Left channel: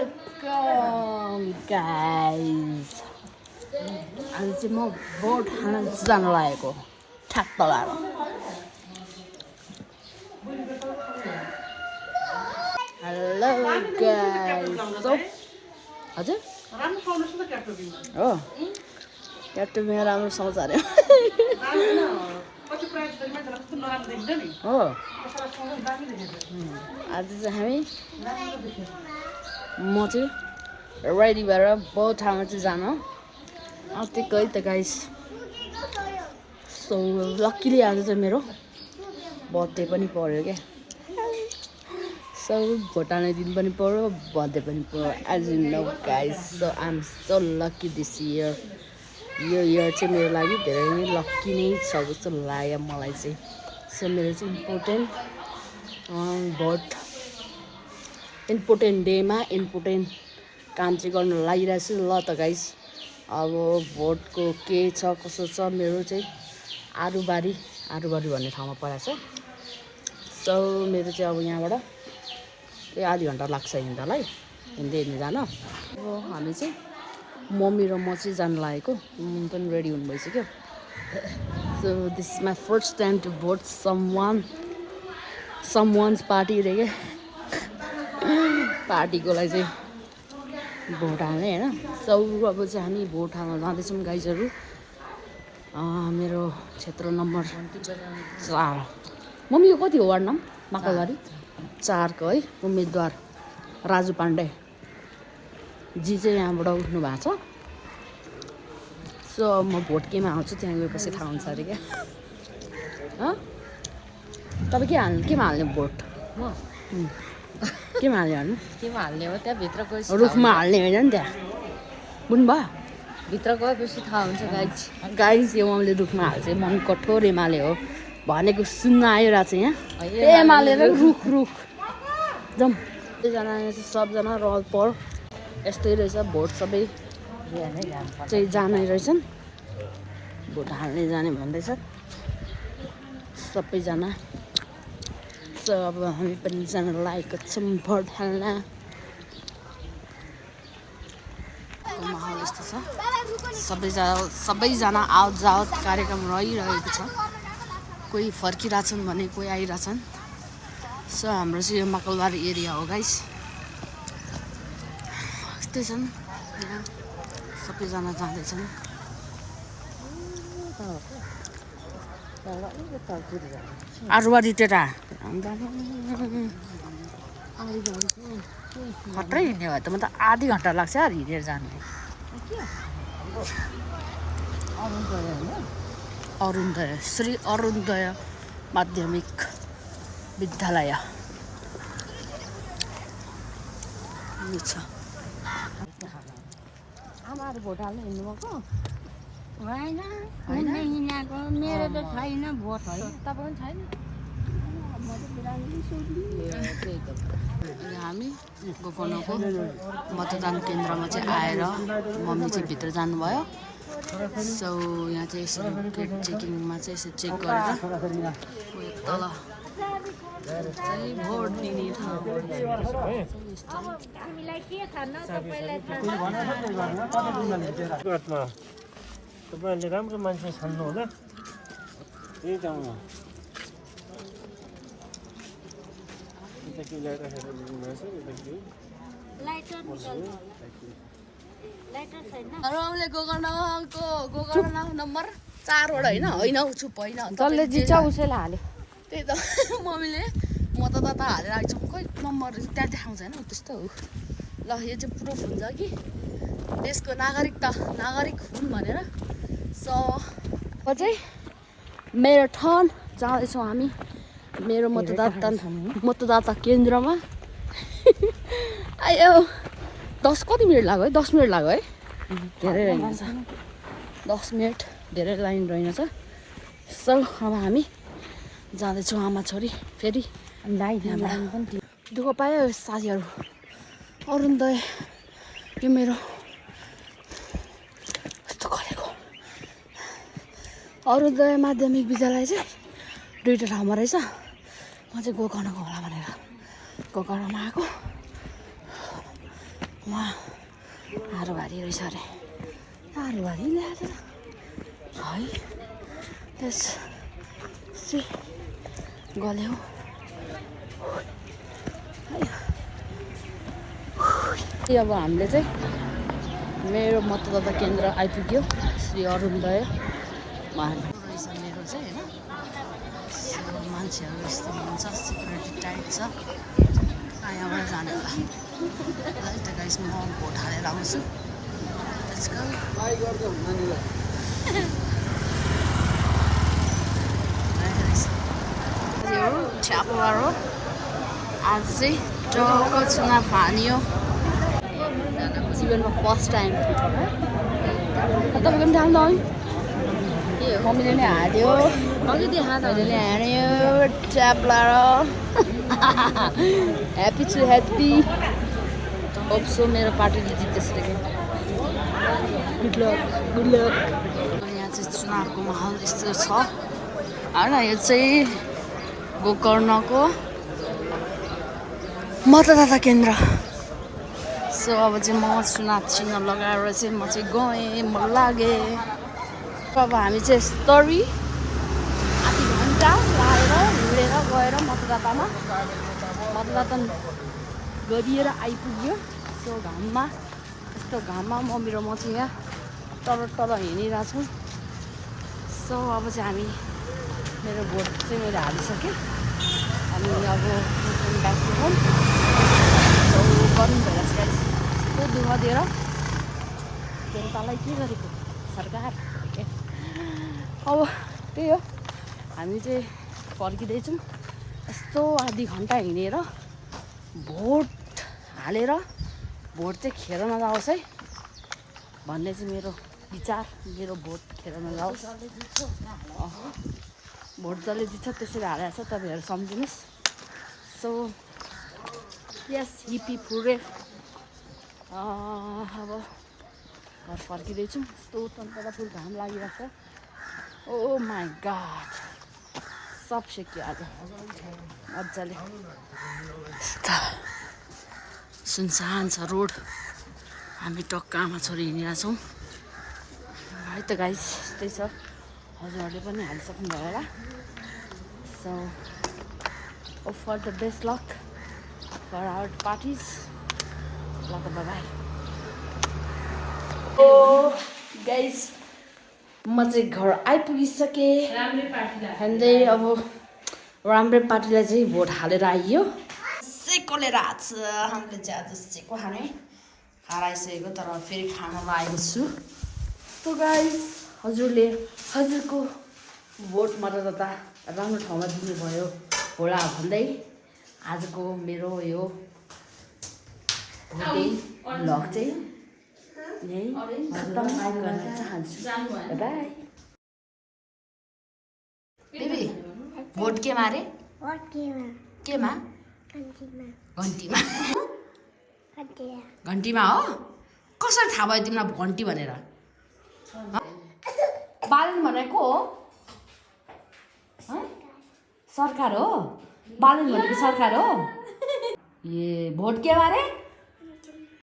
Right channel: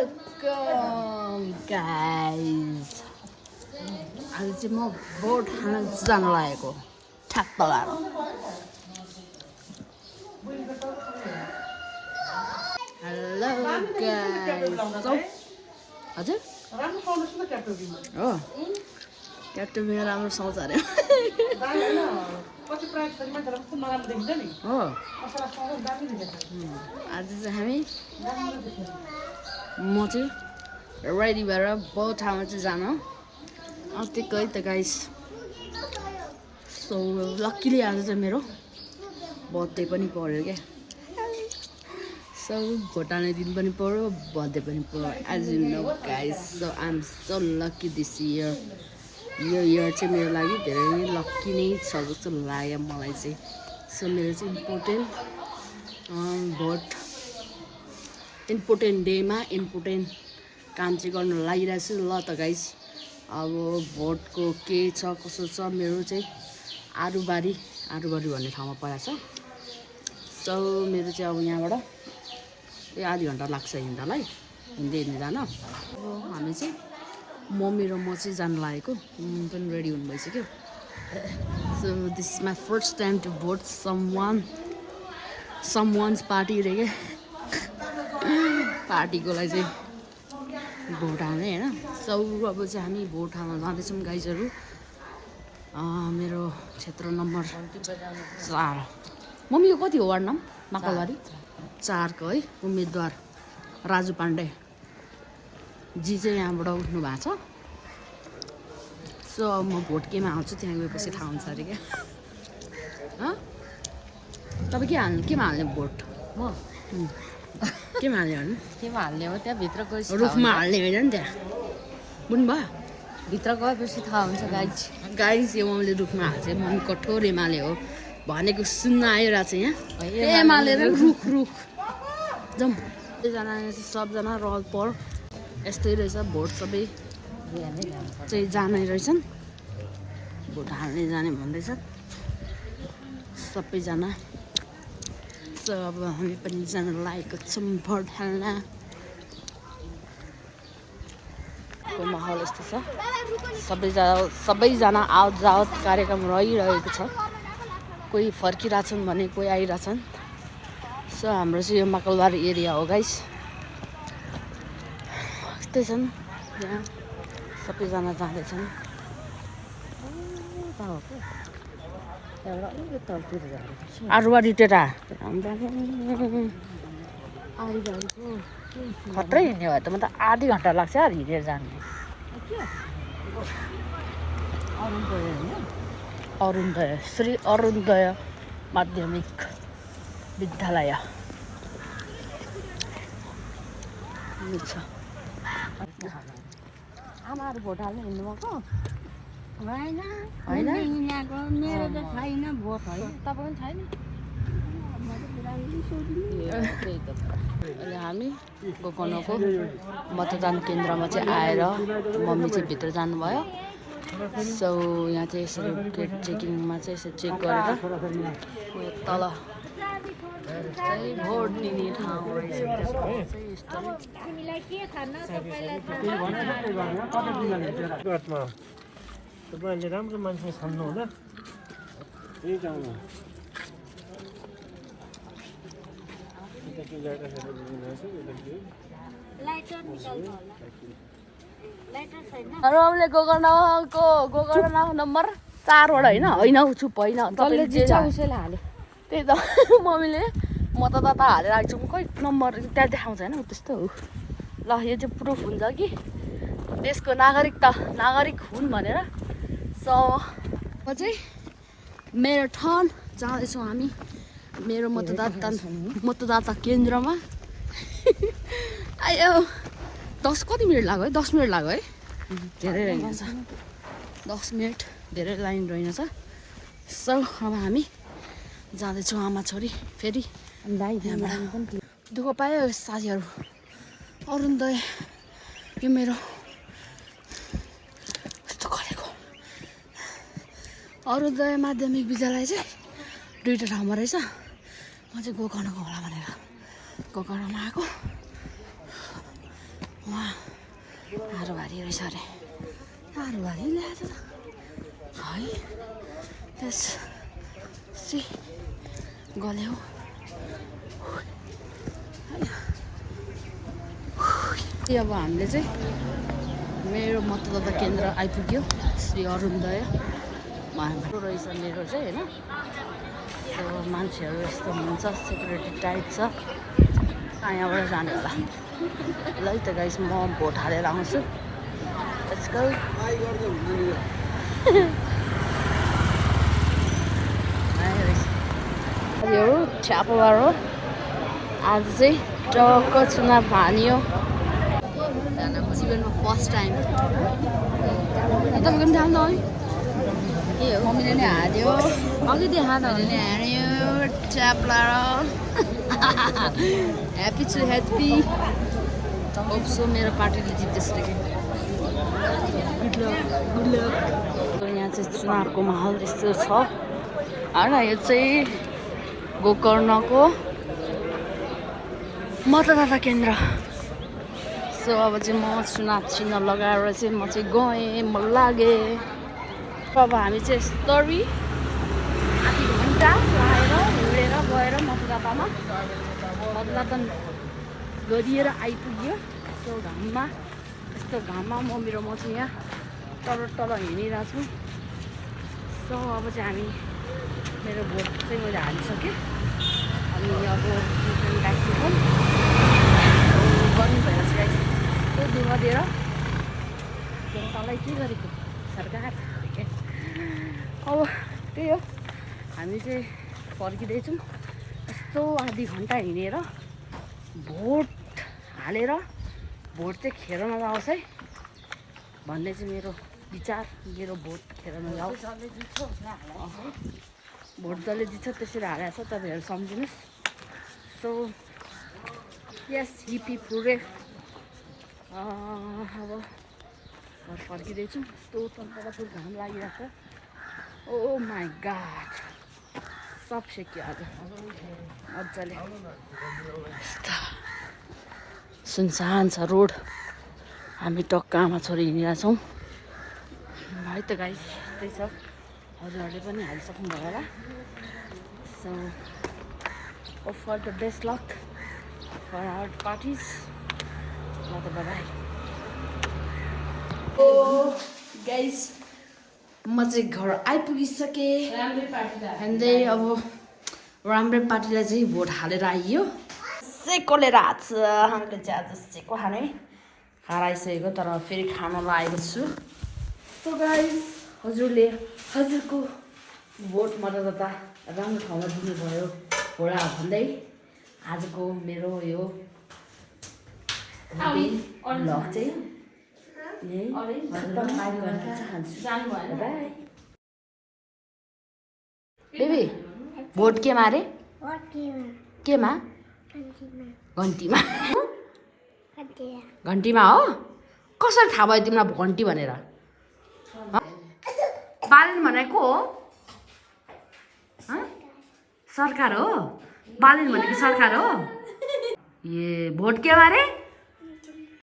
Welcome guys. आज चाहिँ म बोट खान जान लागेको ठ्याक्क लगाएर। Hello guys. हजुर हो क्याप्टोबिनमा राम्रो सुहाउँछ अरे हो। आज चाहिँ म चाहिँ रेडी भएर बहुत ठाउँमा चाहिँ जान आँटेकै त गाइस। सो लक्कीली आज चाहिँ मेरो बर्थडे पनि पर्यो क्या। सो भोटाने दिन पनि पर्यो, बर्थडे पनि पर्यो as you know guys. So I am so lucky this year. यो इयर चाहिँ मेरो लागि धेरै नै लक्की नै छ जस्तो लाग्यो मलाई चाहिँ। सो मेरो चाहिँ इम्पोर्टेन्ट डेमा इम्पोर्टेन्ट काम चाहिँ गर्नु लागिरहेको छु। ल त गाइस, अब भोटको के छ कसो छ मेरो चाहिँ आरुबारी भन्ने ठाउँमा परेको छ। सो मेरो चाहिँ अब यहाँबाट त्यही आधी घन्टा लाग्छ हिँड्नलाई, हिँड्दै जान। अब हामी चाहिँ मम्मी र म चाहिँ जानु लागेको। मम्मी पनि रेडी हुनु भइसक्यो। So this is my first time to vote someone's party रे क्या। पार्टीको लागि चाहिँ भोट हाल्ने होइन। सो अब चाहिँ हामी भोट हाल्न जाँदैछौँ गाइजहरू। मेरो क्षेत्र नम्बर 4। मम्मी यो कति हो वार्ड नाम? माकलबारी 4 को है उम्मेदवार राजु पाण्डे जी चाहिँ यहाँबाट उठ्नु भएको छ। सो म भोट केमा आउँछु त्यहाँ गएपछि थाहा हुन्छ अरे क्या। तपाईँ केमा हाल्ने भोट? म केमा हाल्ने हो? त्यहाँ भित्र गएपछि रुखमा हाल्ने होइन नि त्यहाँ बुझ्नुभयो? भित्र गएपछि थाहा हुन्छ गाइज। यो मम्मीले रुखमा हाल्छ। मम्मी कठोर एमाले हो भनेको सुन्न आइरहेको छ यहाँ। एमाले र रुख जाउँ। सबैजना यहाँ चाहिँ सबजना रहल पर यस्तै रहेछ। भोट सबै चाहिँ जाने रहेछन्, भोट हाल्ने जाने भन्दैछ सबैजना। सो अब हामी पनि जान लागेको छौँ भोट हाल्न। को माहौल यस्तो छ। सबैजना आवत जावत कार्यक्रम रहिरहेको छ। कोही फर्किरहेछन् भने कोही आइरहेछन्। सो हाम्रो चाहिँ यो माकलबारी एरिया हो गाइस। यस्तै छन् यहाँ सबैजना जाँदैछन्। आरुबारी टेटा खत्रै हिँड्ने भयो त। म त आधी घन्टा लाग्छ यार हिँडेर जानु। अरुणोदय श्री अरुणोदय माध्यमिक विद्यालय छ। आमाहरू भोट हाल्नु हिँड्नुभएको होइन? मेरो त छैन भोट। तपाईँ पनि छैन? अहिले हामी गोकर्णको मतदान केन्द्रमा चाहिँ आएर मम्मी चाहिँ भित्र जानुभयो। सो यहाँ चाहिँ यसरी गेट चेकिङमा चाहिँ यसो चेक गरेर उयो तल चाहिँ भोट दिने ठाउँ तपाईँले राम्रो मान्छे छान्नु होला। गोकर्ण नम्बर 4 वटा होइन चुप होइन जसले जित्छ उसैलाई हाल्यो। त्यही त मम्मीले मतदाता हालेर आएको छु। खोइ नम्बर त्यहाँ देखाउँछ होइन त्यस्तो हो। ल यो चाहिँ प्रुफ हुन्छ कि देशको नागरिक हुन् भनेर। सो चाहिँ मेरो ठाउँ जाँदैछौँ हामी मेरो मतदाता केन्द्रमा। आयो 10 कति मिनट लाग्यो है? 10 मिनट लाग्यो है। धेरै रहेछ 10 मिनट धेरै लाइन रहेछ। सो अब हामी जाँदैछौँ आमा छोरी फेरि। दुःख पायो साथीहरू। अरुणोदय यो मेरो यस्तो गरेको अरुणोदय माध्यमिक विद्यालय चाहिँ 2टा ठाउँमा रहेछ। म चाहिँ गोकर्णको होला भनेर गोकर्णमा आएको। वहाँ हारोभारी रहेछ अरे हारोभारी ल्याएर है त्यस गल्यो अब हामीले चाहिँ मेरो मतदाता केन्द्र आइपुग्यो श्री अरुणोदय रहेछ मेरो चाहिँ होइन सो मान्छेहरू यस्तो हुनुहुन्छ सेक्युरिटी टाइट छ यहाँबाट जाने होला ल है त गाइस म भोट हालेर आउँछु आजकल यो छ्यापवार हो आज चाहिँ टक्क चुनाव हानियो जीवनमा फर्स्ट टाइम तपाईँको पनि थाहा मम्मीले नै हाल्यो मैले नै हान्यो ट्याप लाएर ह्याप्पी छु ह्याप्पी होप्सो मेरो पार्टीले जित्दैछ रे गुड लक यहाँ चाहिँ चुनावको माहौल यस्तो छ होइन यो चाहिँ गोकर्णको मतदाता केन्द्र सो अब चाहिँ म चुनाव चिन्ह लगाएर चाहिँ म चाहिँ गएँ म लागेँ अब हामी चाहिँ यस्तरी आधी घन्टा लाएर हिँडेर गएर मतदान गरिएर आइपुग्यो सो घाममा यस्तो घाममा मेरो म चाहिँ यहाँ तल हिँडिरहेको छु सो अब चाहिँ हामी मेरो भोट चाहिँ मैले हालिसकेँ अनि अब ब्याक टु होम गर्नु भइरहेछ गाइस यस्तो दुःख दिएर जनतालाई के गरेको सरकार अब त्यही हो हामी चाहिँ फर्किँदैछौँ यस्तो आधी घन्टा हिँडेर भोट हालेर भोट चाहिँ खेरमा जाओस् है भन्ने चाहिँ मेरो विचार मेरो भोट खेरमा जाओस् भोट जसले जित्छ त्यसरी हालेको छ तपाईँहरू सम्झिनुहोस् सो यस हिपी फुरे अब घर फर्किँदैछौँ यस्तो तन्त्र फुल घाम लागिरहेको छ ओ माई गॉड सब सेक्यो आज मजाले यस्ता सुनसान छ रोड हामी टक्क आमा छोरी हिँडिरहेछौँ है त गाइस यस्तै छ हजुरहरूले पनि हालिसक्नु भयो होला so for the best luck for our parties ल त बाई ओ गाइस म चाहिँ घर आइपुगिसकेँ हान्दै अब राम्रै पार्टीलाई चाहिँ भोट हालेर आइयो सेकोले राछ हामीले चाहिँ आज सेको खानै हराइसकेको तर फेरि खान लागेको छु सो गाइस हजुरले हजुरको भोट मतदाता राम्रो ठाउँमा दिनुभयो होला भन्दै आजको मेरो यो भ्लग चाहिँ यही खत्तम गर्न चाहन्छु बाई बेबी भोट केमा अरे केमा घन्टीमा घन्टीमा हो कसरी थाहा भयो तिमीलाई घन्टी भनेर बालन भनेको हो सरकार हो बालन भनेको सरकार हो ए भोट केमा अरे